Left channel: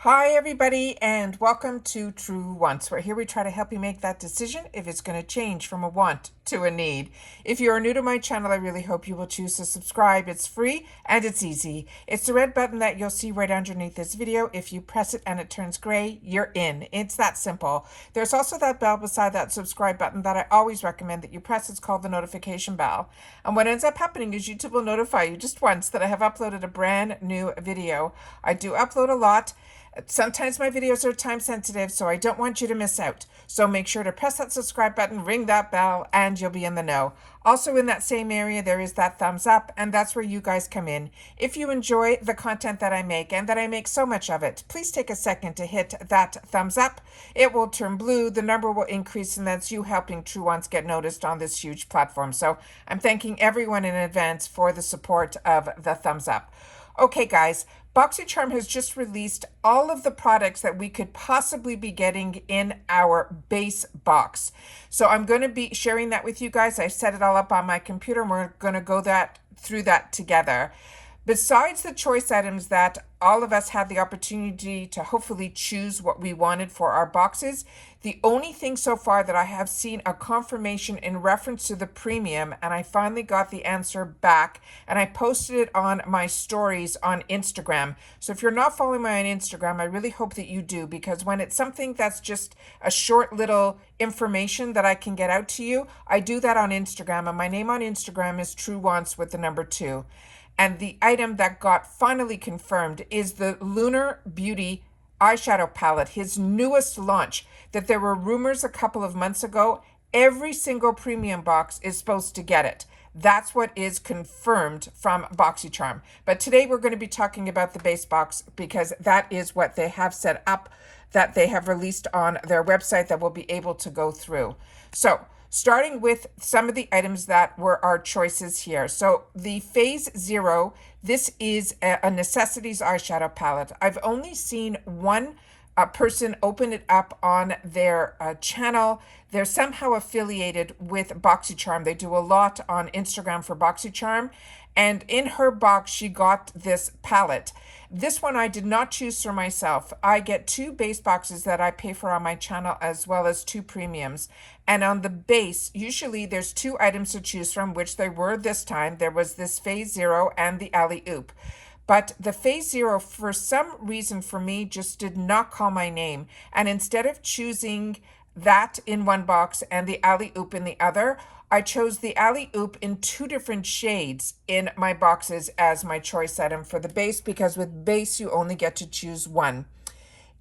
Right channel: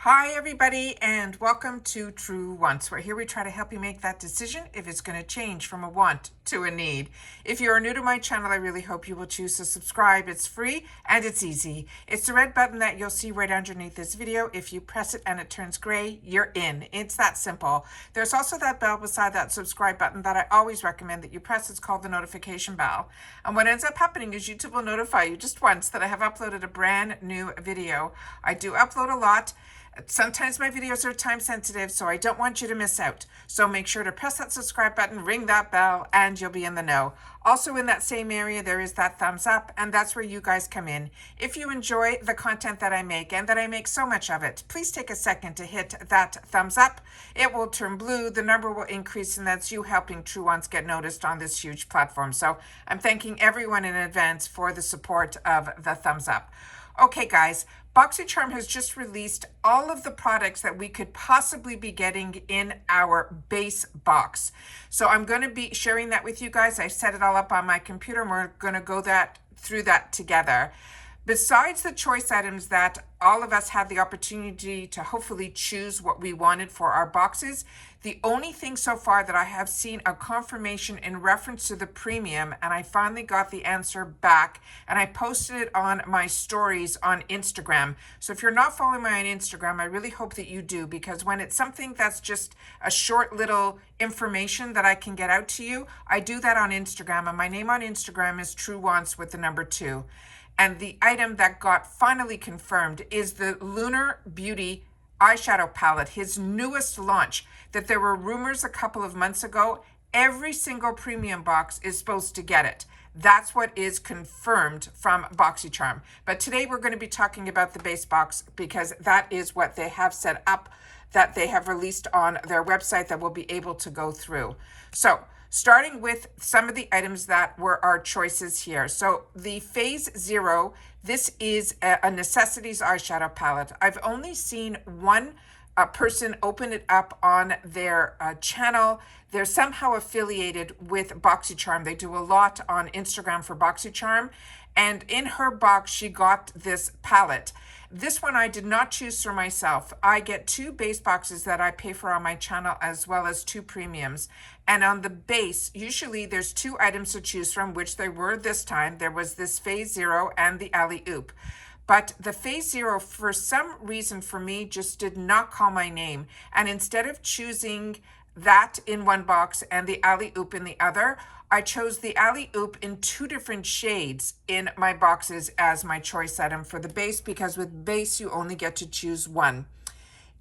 Hi, everybody, and welcome to True Wants, where here we try to help you make that decision if it's going to change from a want to a need. If you are new to my channel, I really hope you will choose to subscribe. It's free and it's easy. It's the red button that you'll see right underneath this video. If you press it and it turns gray, you're in. It's that simple. There's also that bell beside that subscribe button that I always recommend that you press. It's called the notification bell. And what ends up happening is YouTube will notify you just once that I have uploaded a brand new video. I do upload a lot. Sometimes my videos are time sensitive, so I don't want you to miss out. So make sure to press that subscribe button, ring that bell, and you'll be in the know. Also in that same area, there is that thumbs up, and that's where you guys come in. If you enjoy the content that I make, and that I make so much of it, please take a second to hit that thumbs up. It will turn blue, the number will increase, and that's you helping True Ones get noticed on this huge platform. So I'm thanking everyone in advance for the support of the thumbs up. Okay, guys, Boxycharm has just released all of the products that we could possibly be getting in our base box. So I'm going to be sharing that with you guys. I set it all up on my computer, and we're going to go through that together. Besides the choice items that all of us had the opportunity to hopefully choose what we wanted for our boxes, the only thing so far that I have seen a confirmation in reference to the premium, and I finally got the answer back, and I posted it on my stories on Instagram. So if you're not following me on Instagram, I really hope that you do, because when it's something that's just a short little information that I can get out to you, I do that on Instagram, and my name on Instagram is True Wants with the number 2. And the item that got finally confirmed is the Lunar Beauty eyeshadow palette, his newest launch, that there were rumors a couple of months ago. Every single premium box is supposed to get it. That's what is confirmed from Boxycharm. But today we're going to be talking about the base box, because that is what they have set up, that they have released on their website that we'll be able to go through. So starting with some of the items that were our choices here. So the Phase Zero, this is a necessities eyeshadow palette. I've only seen one person open it up on their channel. They're somehow affiliated with Boxycharm. They do a lot on Instagram for Boxycharm. And in her box, she got this palette. This one I did not choose for myself. I get 2 base boxes that I pay for on my channel, as well as 2 premiums. And on the base, usually there's 2 items to choose from, which there were this time. There was this Phase Zero and the Alley Oop. But the Phase Zero, for some reason for me, just did not call my name. And instead of choosing that in one box and the Alley Oop in the other, I chose the Alley Oop in 2 different shades in my boxes as my choice item for the base, because with base you only get to choose one.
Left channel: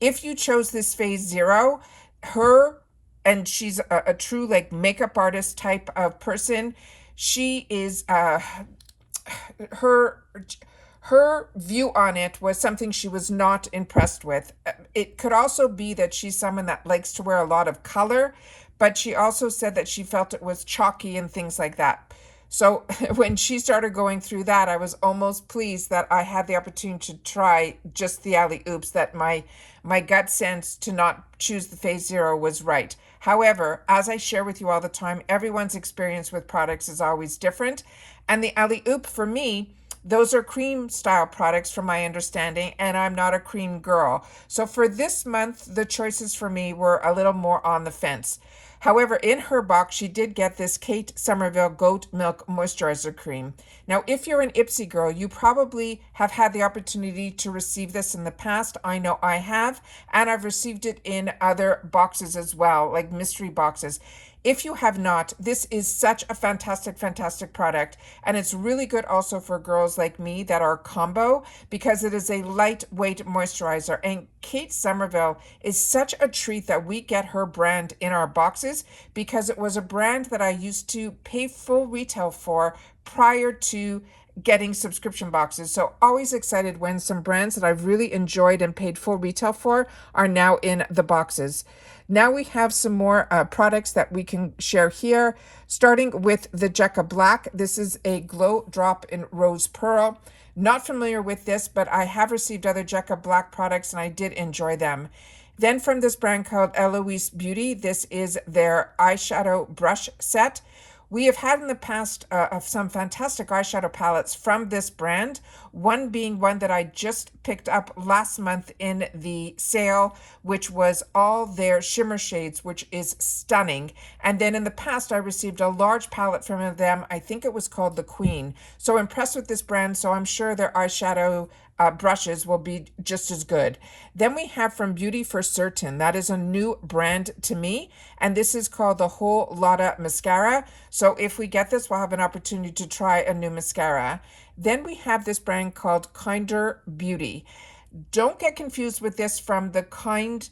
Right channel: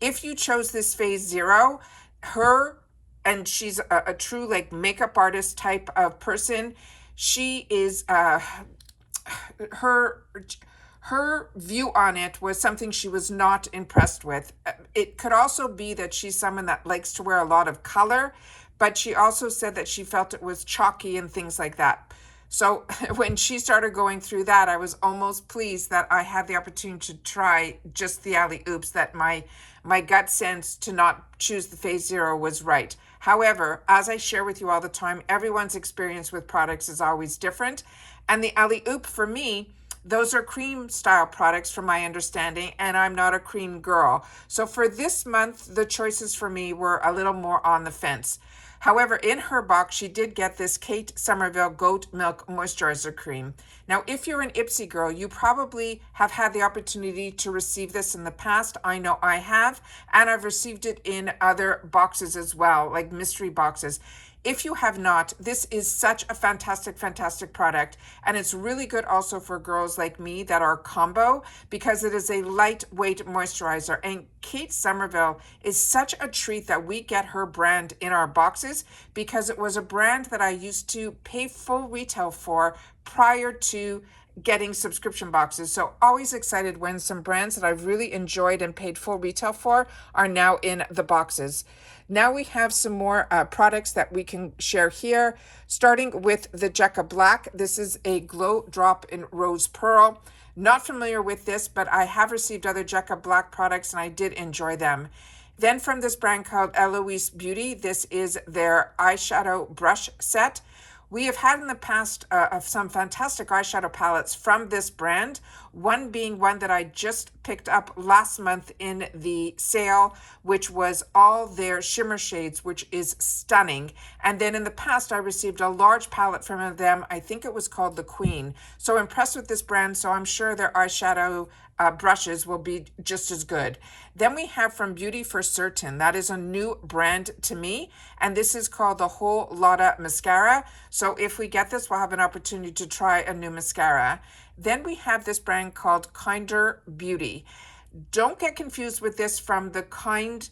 If you chose this Phase Zero, and she's a true like makeup artist type of person, she is her view on it was something she was not impressed with. It could also be that she's someone that likes to wear a lot of color, but she also said that she felt it was chalky and things like that. So when she started going through that, I was almost pleased that I had the opportunity to try just the Alley Oops, that my gut sense to not choose the Phase Zero was right. However, as I share with you all the time, everyone's experience with products is always different. And the Alley Oop, for me, those are cream style products from my understanding, and I'm not a cream girl. So for this month, the choices for me were a little more on the fence. However, in her box, she did get this Kate Somerville Goat Milk Moisturizer Cream. Now, if you're an Ipsy girl, you probably have had the opportunity to receive this in the past. I know I have, and I've received it in other boxes as well, like mystery boxes. If you have not, this is such a fantastic, fantastic product. And it's really good also for girls like me that are combo, because it is a lightweight moisturizer. And Kate Somerville is such a treat that we get her brand in our boxes, because it was a brand that I used to pay full retail for prior to getting subscription boxes. So always excited when some brands that I've really enjoyed and paid full retail for are now in the boxes. Now we have some more products that we can share here, starting with the Jecca Black. This is a glow drop in rose pearl. Not familiar with this, but I have received other Jecca Black products and I did enjoy them. Then from this brand called Eloise Beauty, this is their eyeshadow brush set. We have had in the past of some fantastic eyeshadow palettes from this brand, one being one that I just picked up last month in the sale, which was all their shimmer shades, which is stunning. And then in the past, I received a large palette from them. I think it was called the Queen. So impressed with this brand, so I'm sure their eyeshadow brushes will be just as good. Then we have from Beauty for Certain. That is a new brand to me, and this is called the Whole Lotta Mascara. So if we get this, we'll have an opportunity to try a new mascara. Then we have this brand called Kinder Beauty. Don't get confused with this from the Kind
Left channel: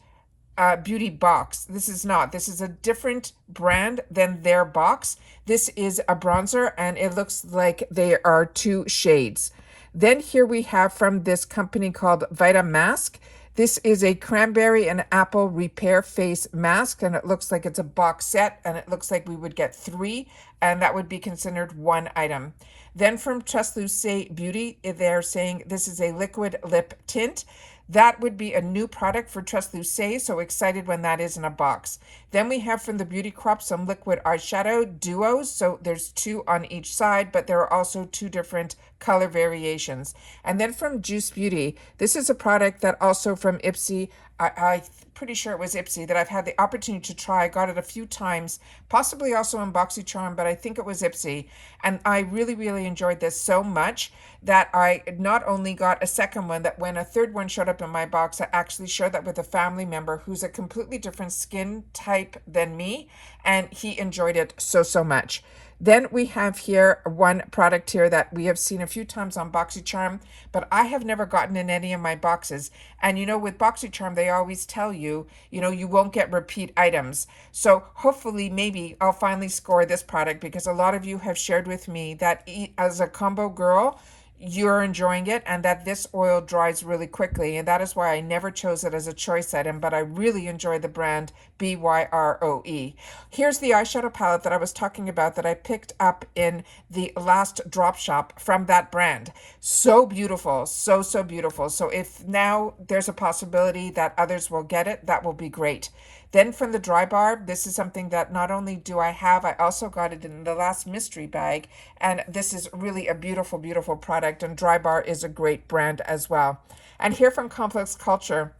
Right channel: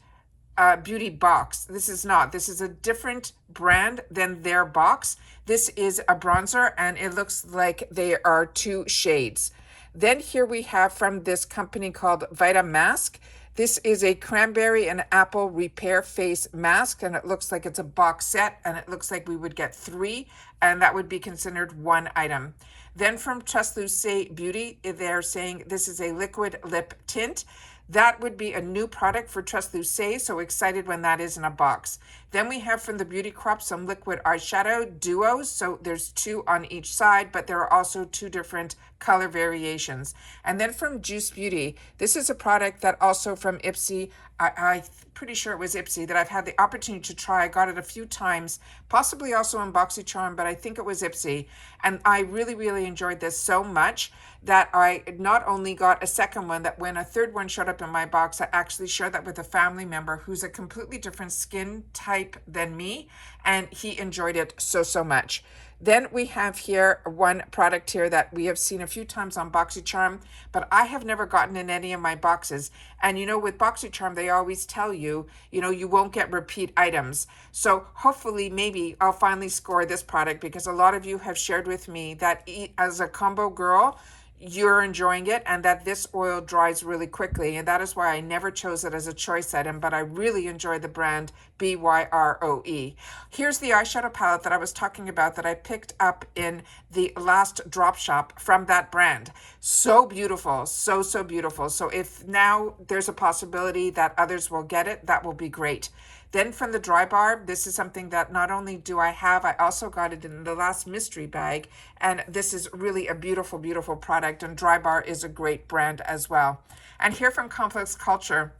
Beauty box. This is not. This is a different brand than their box. This is a bronzer, and it looks like they are two shades. Then here we have from this company called Vita Mask. This is a cranberry and apple repair face mask, and it looks like it's a box set, and it looks like we would get 3, and that would be considered one item. Then from Translucent Beauty, they're saying this is a liquid lip tint. That would be a new product for Translucent, so excited when that is in a box. Then we have from the Beauty Crop some liquid eyeshadow duos, so there's 2 on each side, but there are also 2 different color variations. And then from Juice Beauty, this is a product that also from Ipsy, I'm pretty sure it was Ipsy, that I've had the opportunity to try. I got it a few times, possibly also in Boxycharm, but I think it was Ipsy. And I really, really enjoyed this so much that I not only got a second one, that when a third one showed up in my box, I actually shared that with a family member who's a completely different skin type than me, and he enjoyed it so, so much. Then we have here one product here that we have seen a few times on Boxycharm, but I have never gotten in any of my boxes. And you know, with Boxycharm, they always tell you, you won't get repeat items. So hopefully, maybe I'll finally score this product, because a lot of you have shared with me that as a combo girl, you're enjoying it, and that this oil dries really quickly, and that is why I never chose it as a choice item, but I really enjoy the brand BYROE. Here's the eyeshadow palette that I was talking about that I picked up in the last drop shop from that brand. So beautiful, so, so beautiful. So if now there's a possibility that others will get it, that will be great. Then from the Dry Bar, this is something that not only do I have, I also got it in the last mystery bag. And this is really a beautiful, beautiful product. And Dry Bar is a great brand as well. And here from Complex Culture,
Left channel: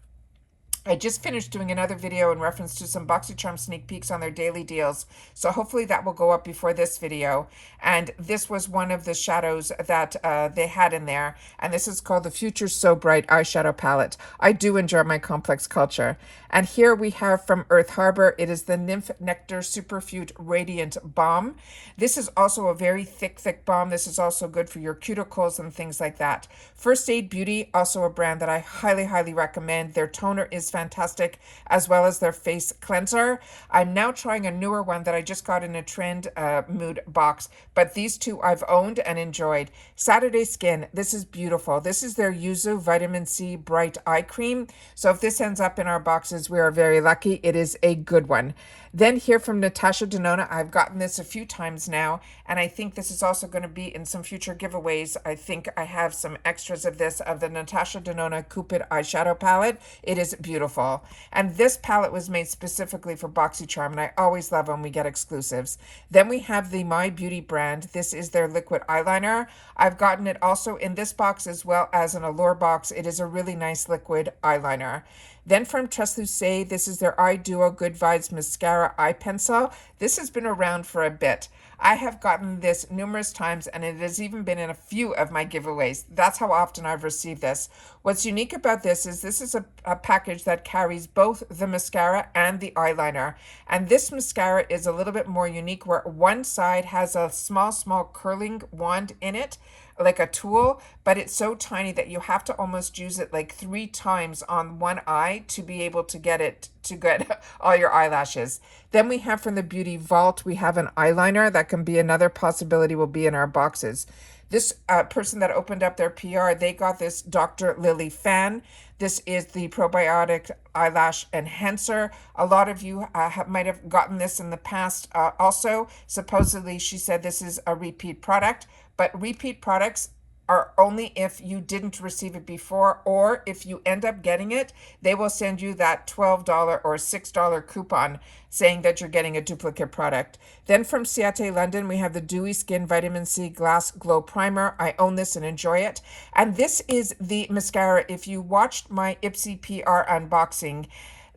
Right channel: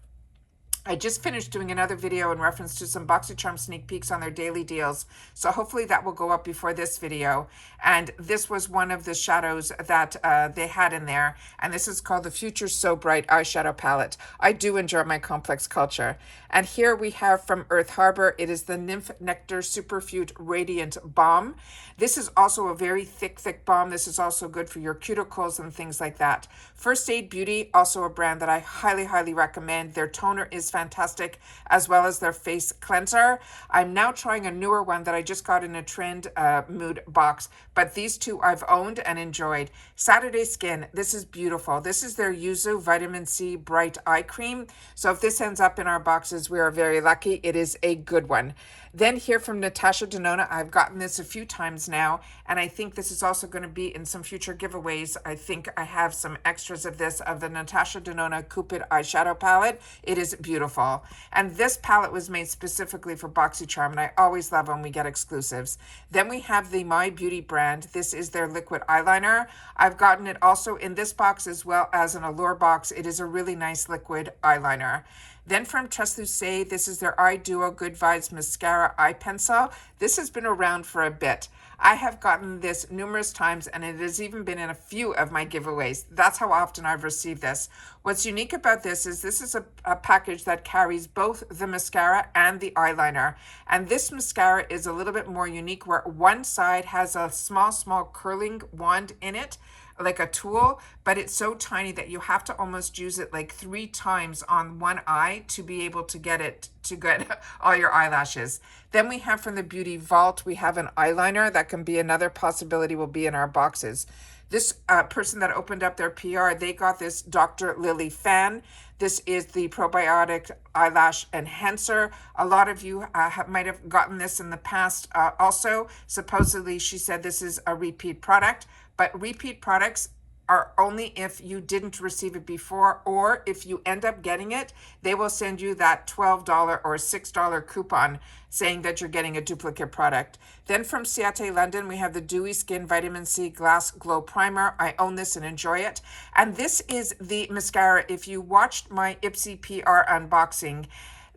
I just finished doing another video in reference to some Boxycharm sneak peeks on their daily deals. So hopefully that will go up before this video. And this was one of the shadows that they had in there. And this is called the Future So Bright eyeshadow palette. I do enjoy my Complex Culture. And here we have from Earth Harbor, it is the Nymph Nectar Superfood Radiant Balm. This is also a very thick, thick balm. This is also good for your cuticles and things like that. First Aid Beauty, also a brand that I highly, highly recommend. Their toner is fantastic, as well as their face cleanser. I'm now trying a newer one that I just got in a trend mood box, but these two I've owned and enjoyed. Saturday Skin, this is beautiful. This is their Yuzu Vitamin C Bright Eye Cream. So if this ends up in our boxes, we are very lucky. It is a good one. Then here from Natasha Denona, I've gotten this a few times now, and I think this is also going to be in some future giveaways. I think I have some extras of this, of the Natasha Denona Cupid eyeshadow palette. It is beautiful. And this palette was made specifically for Boxycharm, and I always love when we get exclusives. Then we have the My Beauty brand. This is their liquid eyeliner. I've gotten it also in this box as well as an Allure box. It is a really nice liquid eyeliner. Then from Translucent, this is their Eye Duo Good Vibes Mascara Eye Pencil. This has been around for a bit. I have gotten this numerous times, and it has even been in a few of my giveaways. That's how often I've received this. What's unique about this is a package that carries both the mascara and the eyeliner. And this mascara is a little bit more unique, where one side has a small, small curling wand in it, like a tool, but it's so tiny that you have to almost use it like 3 times on one eye to be able to get it to get all your eyelashes. Then we have from the Beauty Vault, we have an eyeliner that can be another possibility, will be in our boxes. This person that opened up their PR, they got this Dr. Lily fan. This is the probiotic eyelash enhancer. A lot of you might have gotten this in the past also. Supposedly, she said this is a repeat product, but repeat products are only if you didn't receive it before, or if you end up getting it, they will send you that $12 or $6 coupon saying that you're getting a duplicate product. Then from Ciate London, we have the Dewy Skin Vitamin C Glass Glow Primer. I own this and enjoy it. And this is the mascara. If you watched my Ipsy PR unboxing,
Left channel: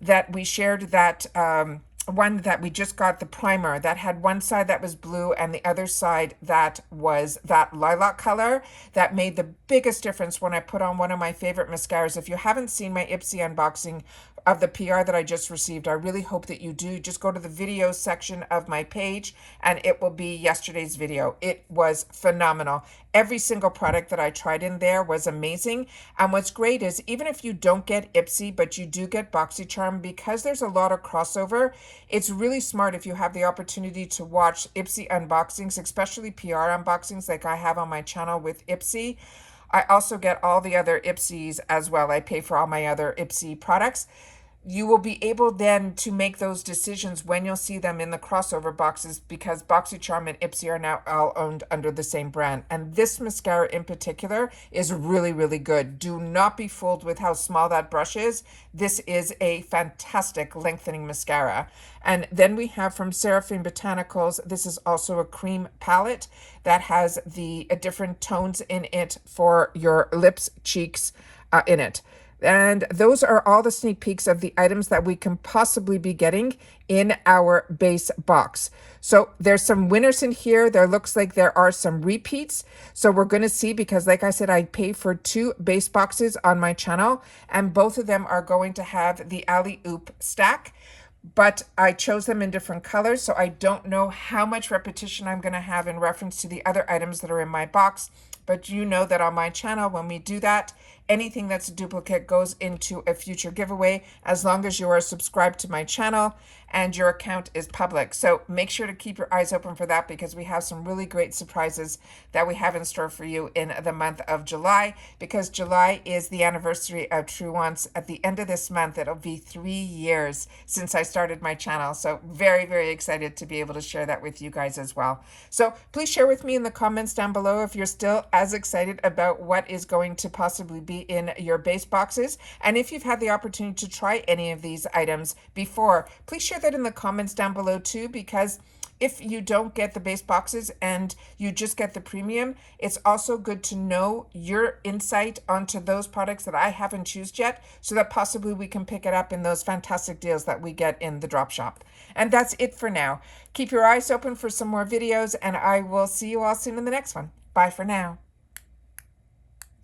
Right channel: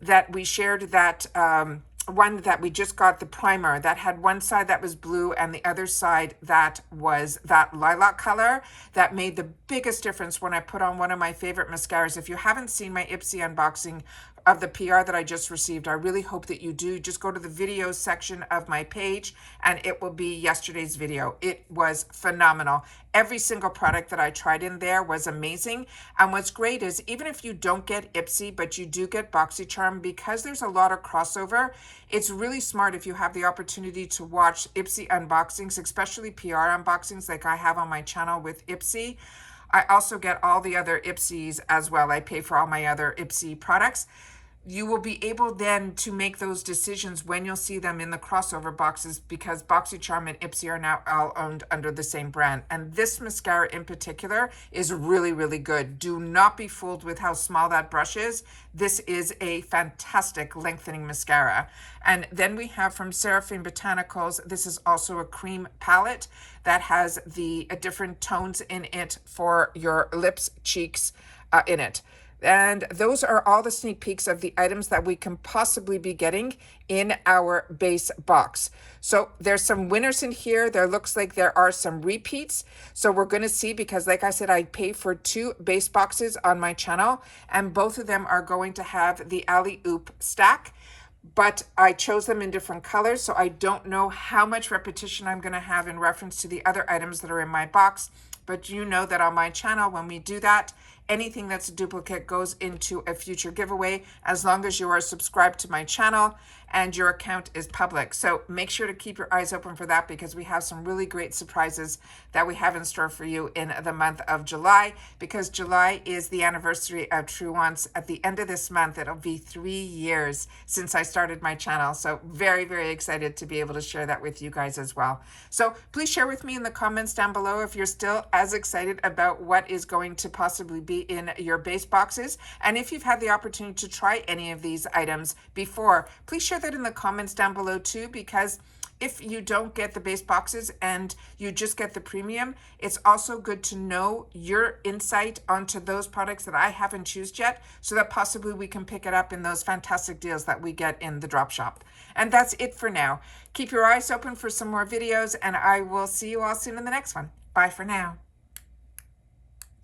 that we shared that one that we just got, the primer that had one side that was blue and the other side that was that lilac color, that made the biggest difference when I put on one of my favorite mascaras. If you haven't seen my Ipsy unboxing of the PR that I just received, I really hope that you do. Just go to the video section of my page and it will be yesterday's video. It was phenomenal. Every single product that I tried in there was amazing. And what's great is even if you don't get Ipsy, but you do get Boxycharm, because there's a lot of crossover, it's really smart if you have the opportunity to watch Ipsy unboxings, especially PR unboxings like I have on my channel with Ipsy. I also get all the other Ipsys as well. I pay for all my other Ipsy products. You will be able then to make those decisions when you'll see them in the crossover boxes, because Boxycharm and Ipsy are now all owned under the same brand. And this mascara in particular is really, really good. Do not be fooled with how small that brush is. This is a fantastic lengthening mascara. And then we have from Seraphine Botanicals, this is also a cream palette that has the different tones in it for your lips, cheeks in it. And those are all the sneak peeks of the items that we can possibly be getting in our base box. So there's some winners in here. There looks like there are some repeats. So we're going to see, because like I said, I pay for 2 base boxes on my channel, and both of them are going to have the Alley Oop stack. But I chose them in different colors, so I don't know how much repetition I'm going to have in reference to the other items that are in my box. But you know that on my channel, when we do that, anything that's a duplicate goes into a future giveaway, as long as you are subscribed to my channel and your account is public. So make sure to keep your eyes open for that, because we have some really great surprises that we have in store for you in the month of July, because July is the anniversary of True Wants. At the end of this month, it'll be 3 years since I started my channel. So very, very excited to be able to share that with you guys as well. So please share with me in the comments down below if you're still as excited about what is going to possibly be in your base boxes. And if you've had the opportunity to try any of these items before, please share that in the comments down below too, because if you don't get the base boxes and you just get the premium, it's also good to know your insight onto those products that I haven't used yet, so that possibly we can pick it up in those fantastic deals that we get in the drop shop. And that's it for now. Keep your eyes open for some more videos, and I will see you all soon in the next one. Bye for now.